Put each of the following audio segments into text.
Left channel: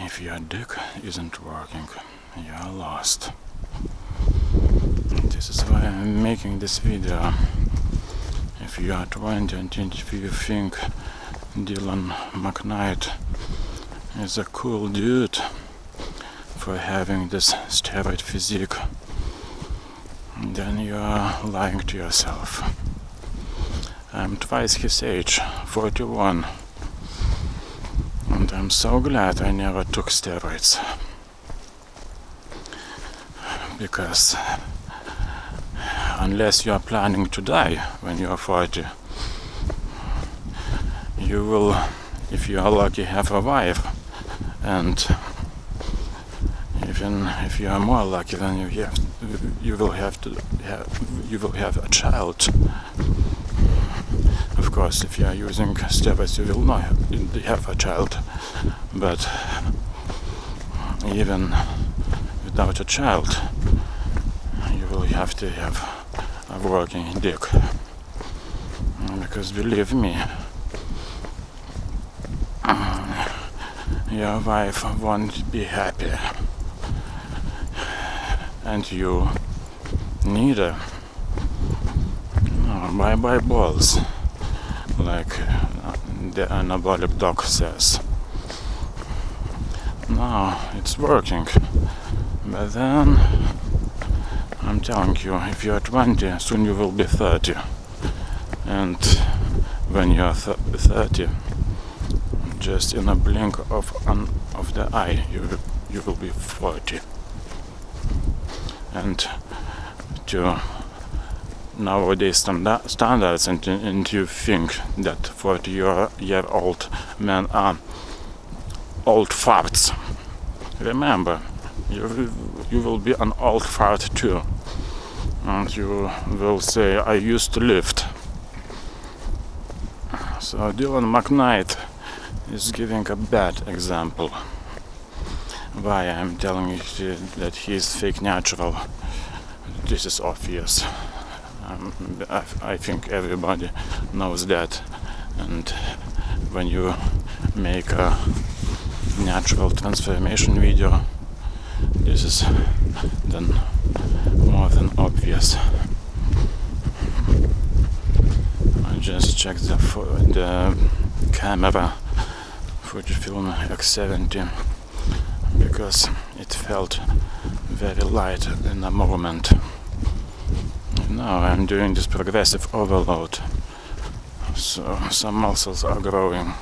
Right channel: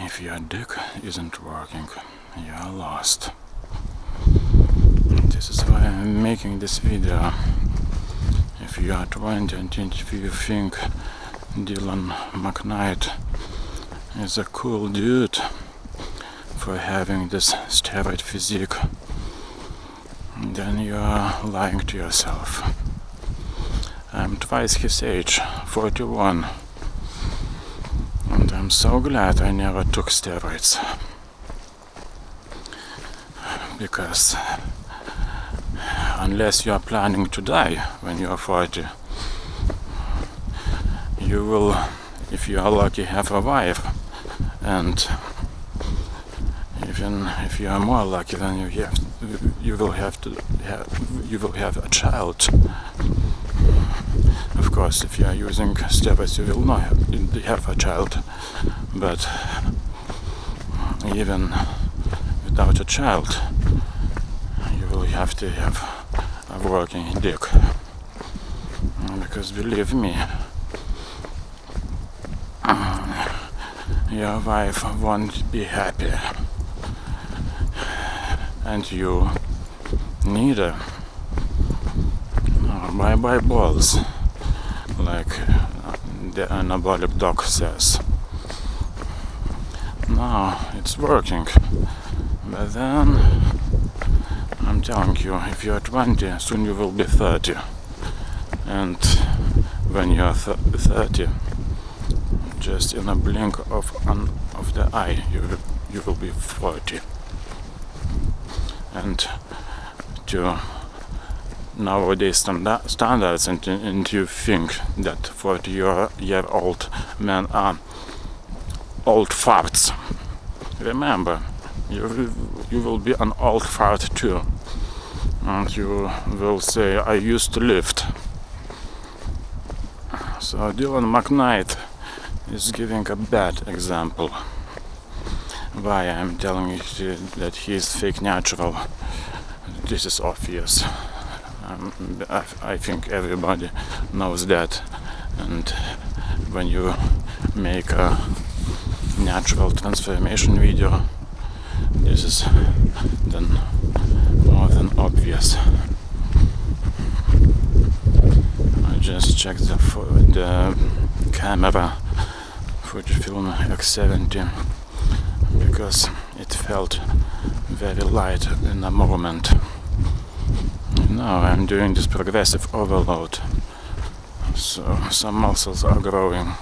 If your dick isn't working, you are lost. This is why I'm making this video. If you are 20 and if you think Dylan McKnight is a cool dude for having this steroid physique, then you are lying to yourself. I'm twice his age, 41, and I'm so glad I never took steroids, because unless you are planning to die when you are 40, you will, if you are lucky, have a wife, and even if you are more lucky, then you will have a child. Of course, if you are using steroids, you will not have a child, but even without a child, you will have to have a working dick, because believe me, your wife won't be happy, and you neither. Bye-bye balls, like the anabolic doc says. Now it's working, but then I'm telling you, if you're 20, soon you will be 30, and when you're 30, just in a blink of the eye, you will be 40. And to nowadays standards, and you think that 40-year-old men are old farts. Remember, you will be an old fart too, and you will say, I used to lift. So Dylan McKnight is giving a bad example. Why I'm telling you that he is fake natural? This is obvious. I think everybody knows that, and when you make a natural transformation video, this is then more than obvious. I just checked the camera Fujifilm X70 because it felt very light in a moment. Now I'm doing this progressive overload, so some muscles are growing.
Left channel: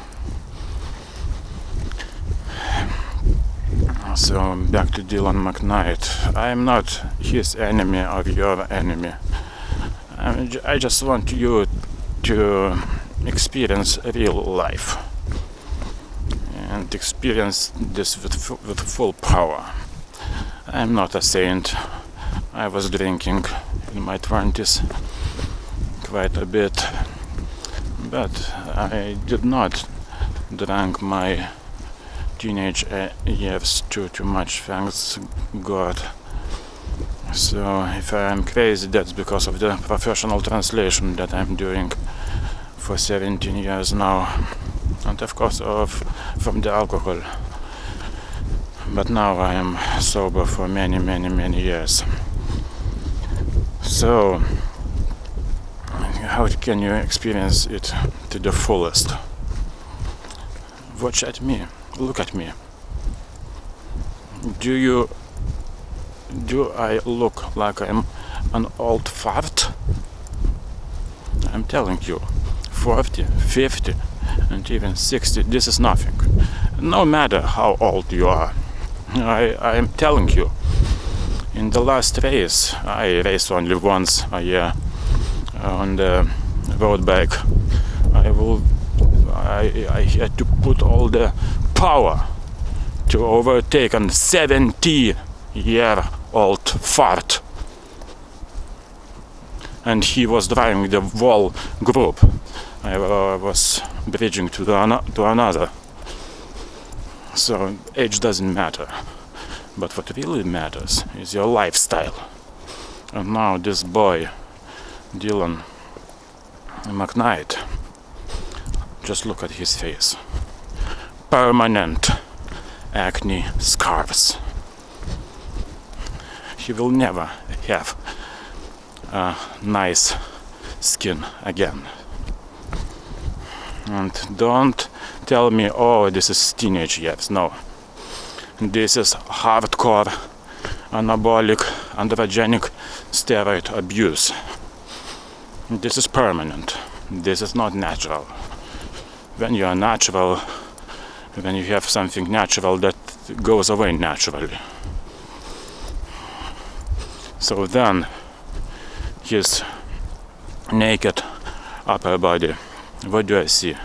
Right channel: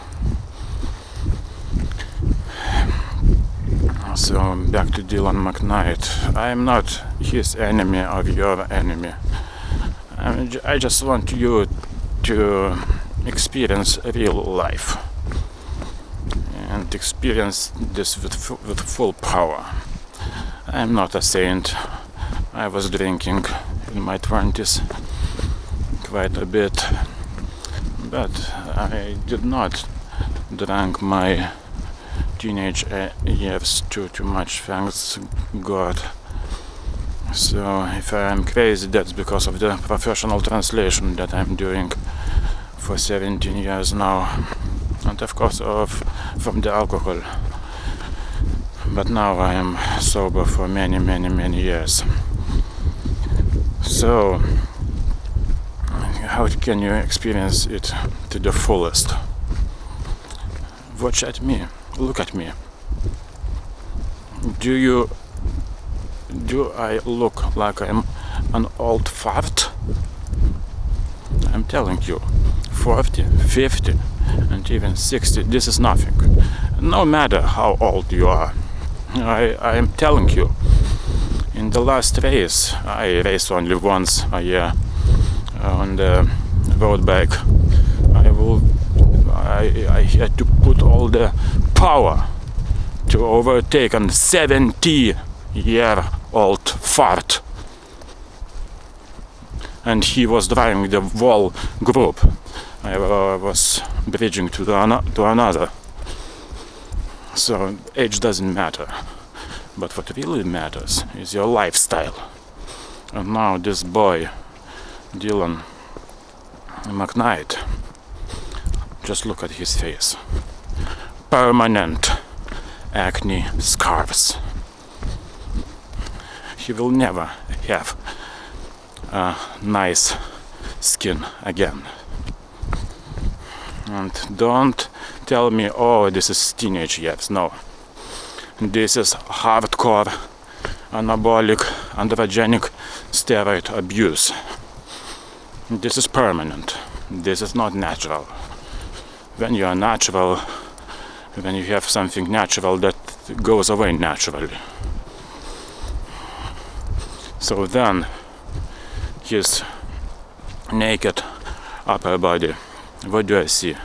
So back to Dylan McKnight. I am not his enemy or your enemy. I just want you to experience real life and experience this with full power. I am not a saint. I was drinking in my 20s quite a bit, but I did not drink my teenage years too much, thanks God. So if I am crazy, that's because of the professional translation that I'm doing for 17 years now, and of course from the alcohol. But now I am sober for many years. So how can you experience it to the fullest? Watch at me, look at me. Do I look like I'm an old fart? I'm telling you, 40, 50, and even 60, this is nothing. No matter how old you are. I am telling you, in the last race, I race only once a year on the road bike. I had to put all the power to overtake a 70-year-old fart, and he was driving the whole group. I was bridging to another. So age doesn't matter, but what really matters is your lifestyle. And now this boy, Dylan McKnight, just look at his face. Permanent acne scars. He will never have a nice skin again. And don't tell me, oh, this is teenage years. No. This is hardcore anabolic androgenic steroid abuse. This is permanent. This is not natural. When you are natural, when you have something natural, that goes away naturally. So then his naked upper body, what do I see?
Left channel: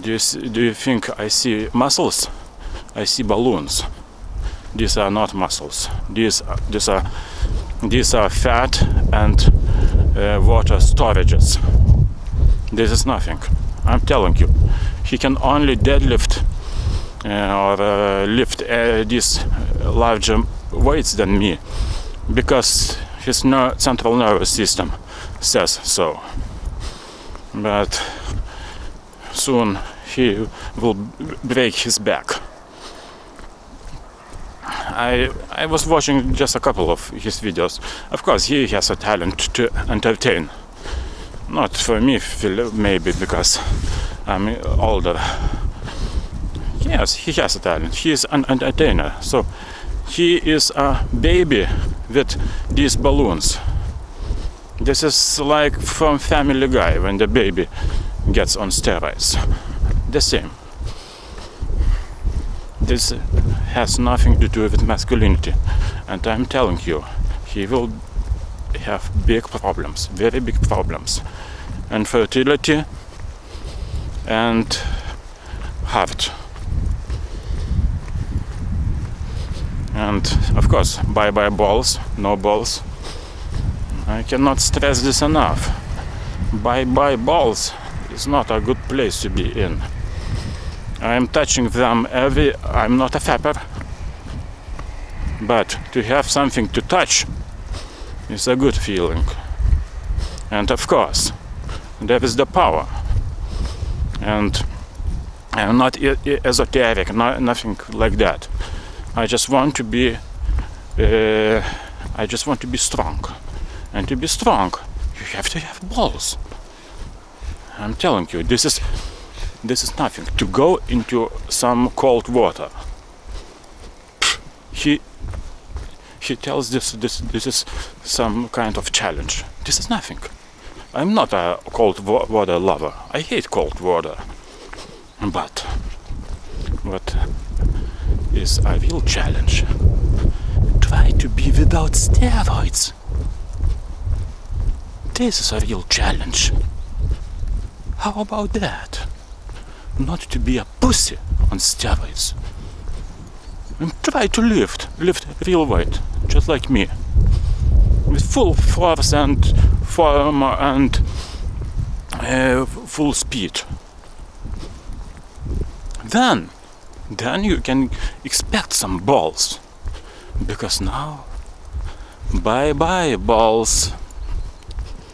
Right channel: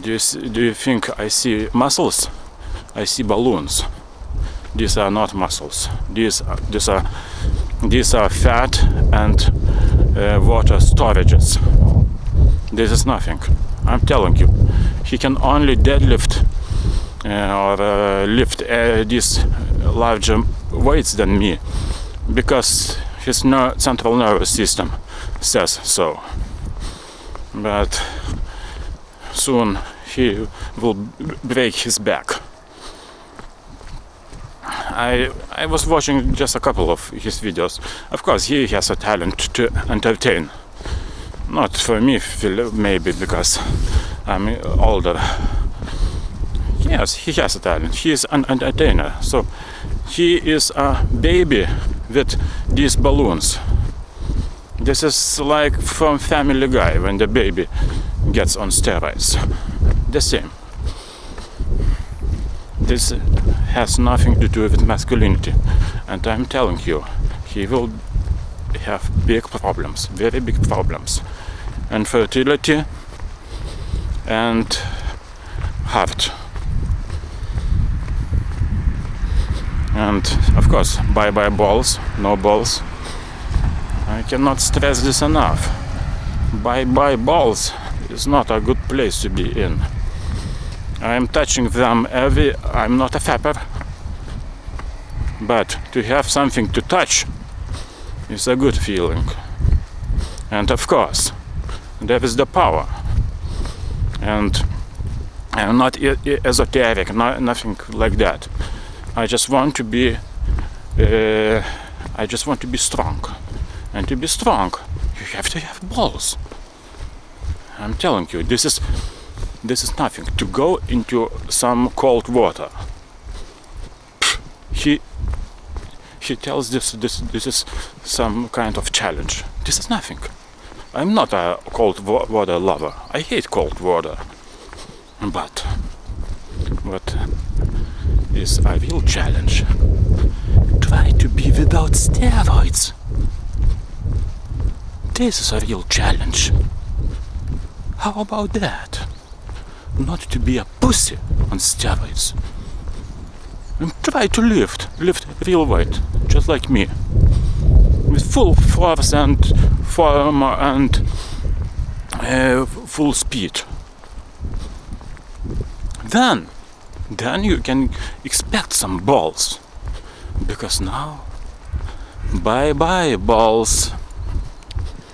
Do you think I see muscles? I see balloons. These are not muscles. These are fat and water storages. This is nothing. I'm telling you. He can only deadlift or lift these larger weights than me because his central nervous system says so. But soon he will break his back. I was watching just a couple of his videos. Of course, he has a talent to entertain. Not for me, maybe because I'm older. Yes, he has a talent. He is an entertainer. So he is a baby with these balloons. This is like from Family Guy when the baby gets on steroids. The same. This has nothing to do with masculinity. And I'm telling you, he will have big problems, very big problems. And fertility and heart. And of course, bye-bye balls, no balls. I cannot stress this enough. Bye-bye balls is not a good place to be in. I'm touching them I'm not a fapper. But to have something to touch is a good feeling. And of course, there is the power. And I'm not esoteric, nothing like that. I just want to be strong. And to be strong, you have to have balls. I'm telling you, this is nothing. To go into some cold water. He tells this is some kind of challenge. This is nothing. I'm not a cold water lover. I hate cold water. But what is a real challenge? Try to be without steroids. This is a real challenge. How about that? Not to be a pussy on steroids. And try to lift real weight, just like me. With full force and form and full speed. Then you can expect some balls. Because now, bye-bye balls.